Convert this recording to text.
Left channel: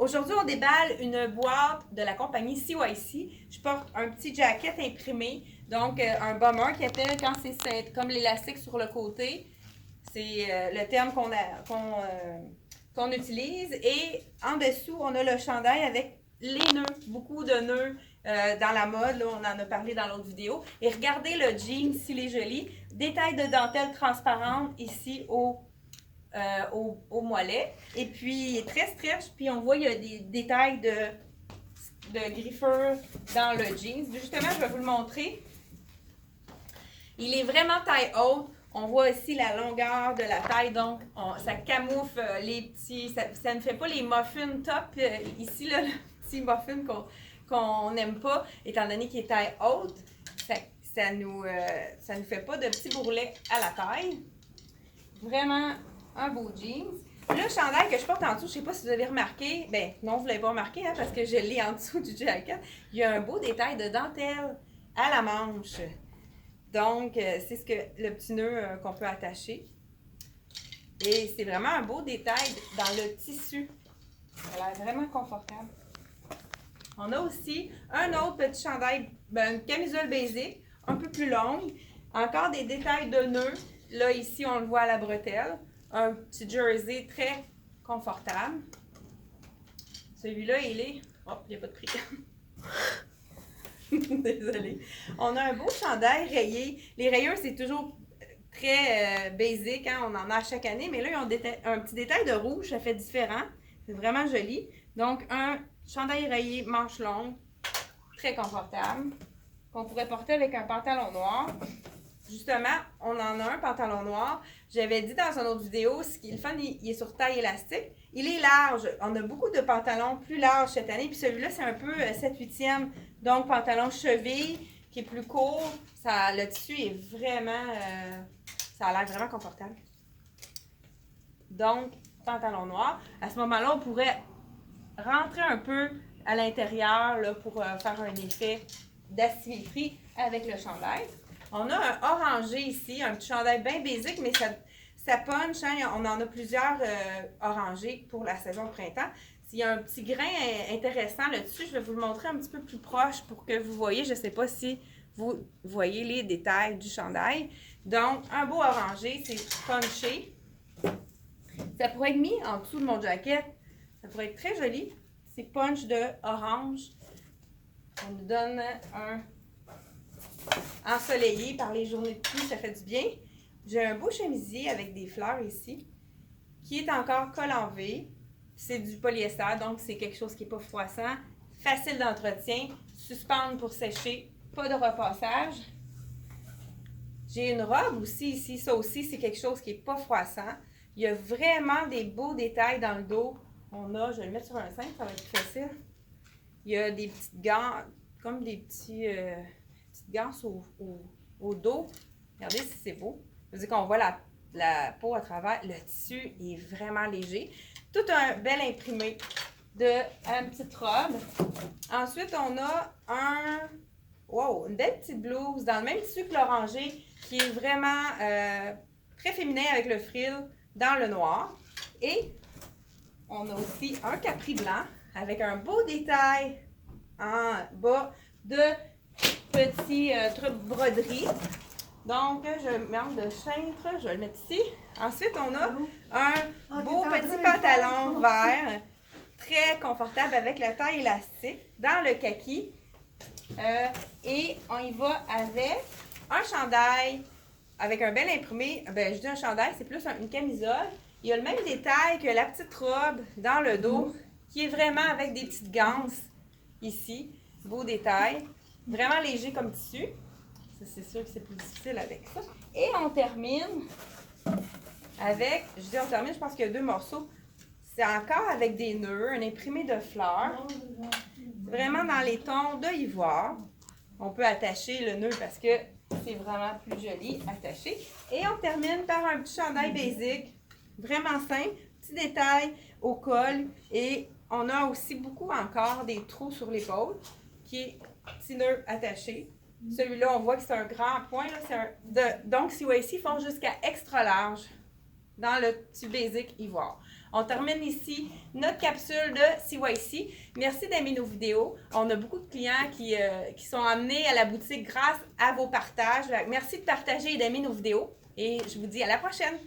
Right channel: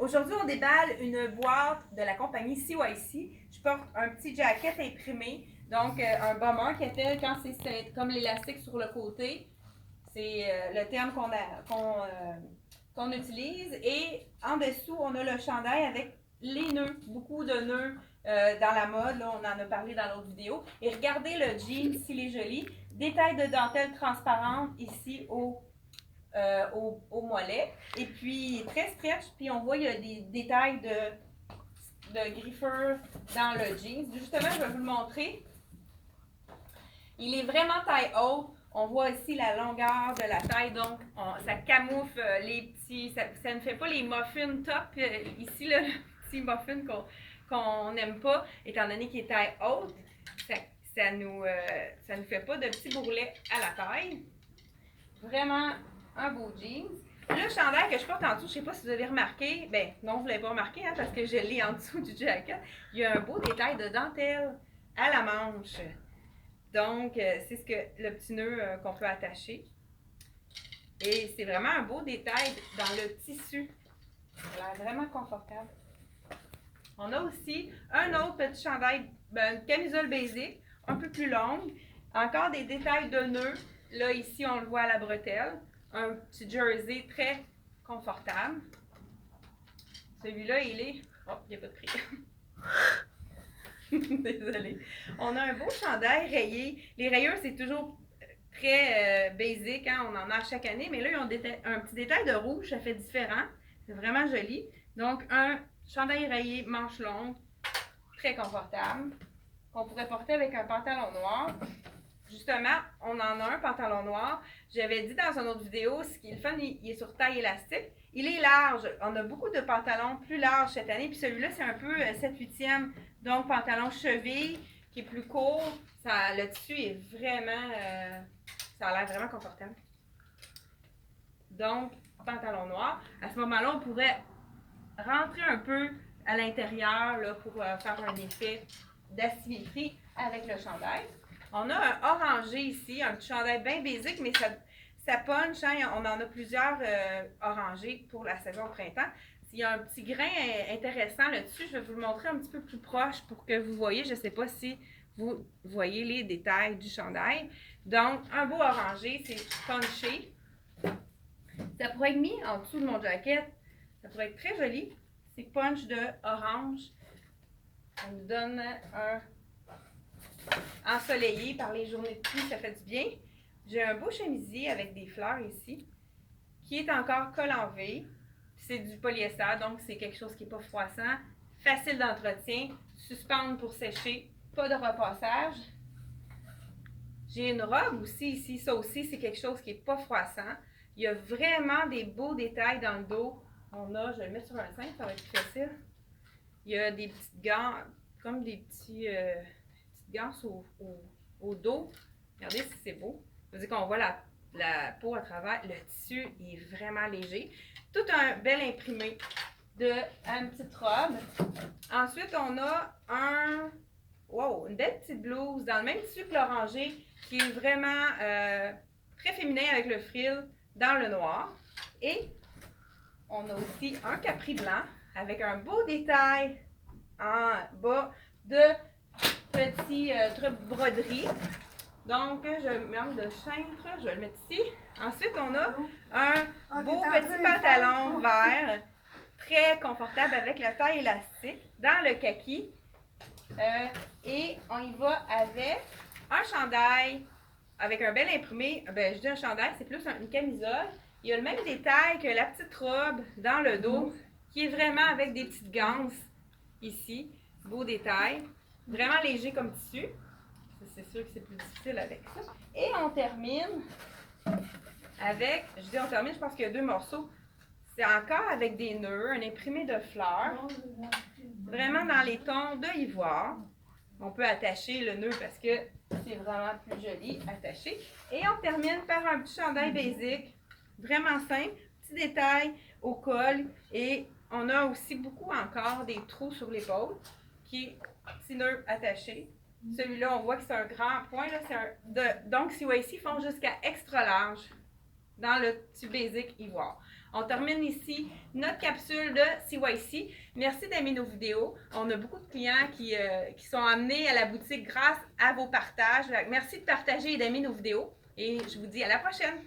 Aujourd'hui, on déballe une boîte de la compagnie CYC. Je porte un petit jacket imprimé, donc un bomber qui appelle quand c'est comme l'élastique sur le côté. C'est le terme qu'on utilise. Et en dessous, on a le chandail avec les nœuds, beaucoup de nœuds dans la mode. Là, on en a parlé dans l'autre vidéo. Et regardez le jean, s'il est joli. Détail de dentelle transparente ici au mollet. Et puis, il est très stretch. Puis, on voit il y a des détails de griffeur dans le jeans. Justement, je vais vous le montrer. Il est vraiment taille haute. On voit ici la longueur de la taille, donc ça camoufle les petits... Ça ne fait pas les muffins top. Ici, là, le petit muffin qu'on n'aime pas, étant donné qu'il est taille haute, ça nous fait pas de petits bourrelets à la taille. Vraiment un beau jeans. Le chandail que je porte en dessous, je ne sais pas si vous avez remarqué, ben non, vous ne l'avez pas remarqué, hein, parce que je l'ai en dessous du jacket. Il y a un beau détail de dentelle à la manche. Donc, c'est ce que le petit nœud qu'on peut attacher. Et c'est vraiment un beau détail dans le tissu. Ça a l'air vraiment confortable. On a aussi un autre petit chandail, une camisole basique, un peu plus longue. Encore des détails de nœuds. Là, ici, on le voit à la bretelle. Un petit jersey très confortable. Celui-là, il est... Oh, il n'y a pas de prix. Désolée. On a un beau chandail rayé. Les rayures, c'est toujours très basic, hein? On en a chaque année, mais là, ils ont un petit détail de rouge, ça fait différent. C'est vraiment joli. Donc, un chandail rayé, manche longue, très confortable, qu'on pourrait porter avec un pantalon noir. Justement, on en a un pantalon noir. J'avais dit dans une autre vidéo, ce qui est le fun, il est sur taille élastique. Il est large. On a beaucoup de pantalons plus larges cette année. Puis celui-là, c'est un peu 7/8e. Donc, pantalon cheville qui est plus court. Le tissu est vraiment... ça a l'air vraiment confortable. Donc, pantalon noir. À ce moment-là, on pourrait rentrer un peu à l'intérieur là, pour faire un effet d'asymétrie avec le chandail. On a un orangé ici, un petit chandail bien basique, mais ça punch. Hein? On en a plusieurs orangés pour la saison printemps. Il y a un petit grain intéressant là-dessus. Je vais vous le montrer un petit peu plus proche pour que vous voyez. Je ne sais pas si vous voyez les détails du chandail. Donc, un beau orangé, c'est punché. Ça pourrait être mis en dessous de mon jacket. Ça pourrait être très joli. C'est punch de orange. Ça nous donne un ensoleillé par les journées de pluie, ça fait du bien. J'ai un beau chemisier avec des fleurs ici, qui est encore col en V. C'est du polyester, donc c'est quelque chose qui n'est pas froissant, facile d'entretien, suspendre pour sécher, pas de repassage. J'ai une robe aussi ici, ça aussi c'est quelque chose qui n'est pas froissant. Il y a vraiment des beaux détails dans le dos. Je vais le mettre sur un cintre, ça va être plus facile. Il y a des petites gants, comme des petites gants au dos. Regardez si c'est beau. Je veux dire qu'on voit la peau à travers. Le tissu est vraiment léger. Tout un bel imprimé une petite robe. Ensuite, on a une belle petite blouse dans le même tissu que l'orangé qui est vraiment très féminin avec le frill dans le noir. Et on a aussi un capri blanc avec un beau détail en bas de petits trucs broderie. Donc, je manque de cintre, je vais le mettre ici. Ensuite, on a un beau petit pantalon vert, très confortable avec la taille élastique, dans le kaki. Et on y va avec un chandail, avec un bel imprimé. Je dis un chandail, c'est plus une camisole. Il y a le même détail que la petite robe dans le dos, qui est vraiment avec des petites ganses ici. Beau détail. Vraiment léger comme tissu. C'est sûr que c'est plus difficile avec ça. Et on termine avec, je pense qu'il y a 2 morceaux. C'est encore avec des nœuds, un imprimé de fleurs. Vraiment dans les tons de ivoire. On peut attacher le nœud parce que c'est vraiment plus joli attaché. Et on termine par un petit chandail basique, vraiment simple. Petit détail au col. Et on a aussi beaucoup encore des trous sur l'épaule qui est petit nœud attaché. Celui-là, on voit que c'est un grand point. Là, donc, CYC font jusqu'à extra large dans le petit basic ivoire. On termine ici notre capsule de CYC. Merci d'aimer nos vidéos. On a beaucoup de clients qui sont amenés à la boutique grâce à vos partages. Merci de partager et d'aimer nos vidéos. Et je vous dis à la prochaine!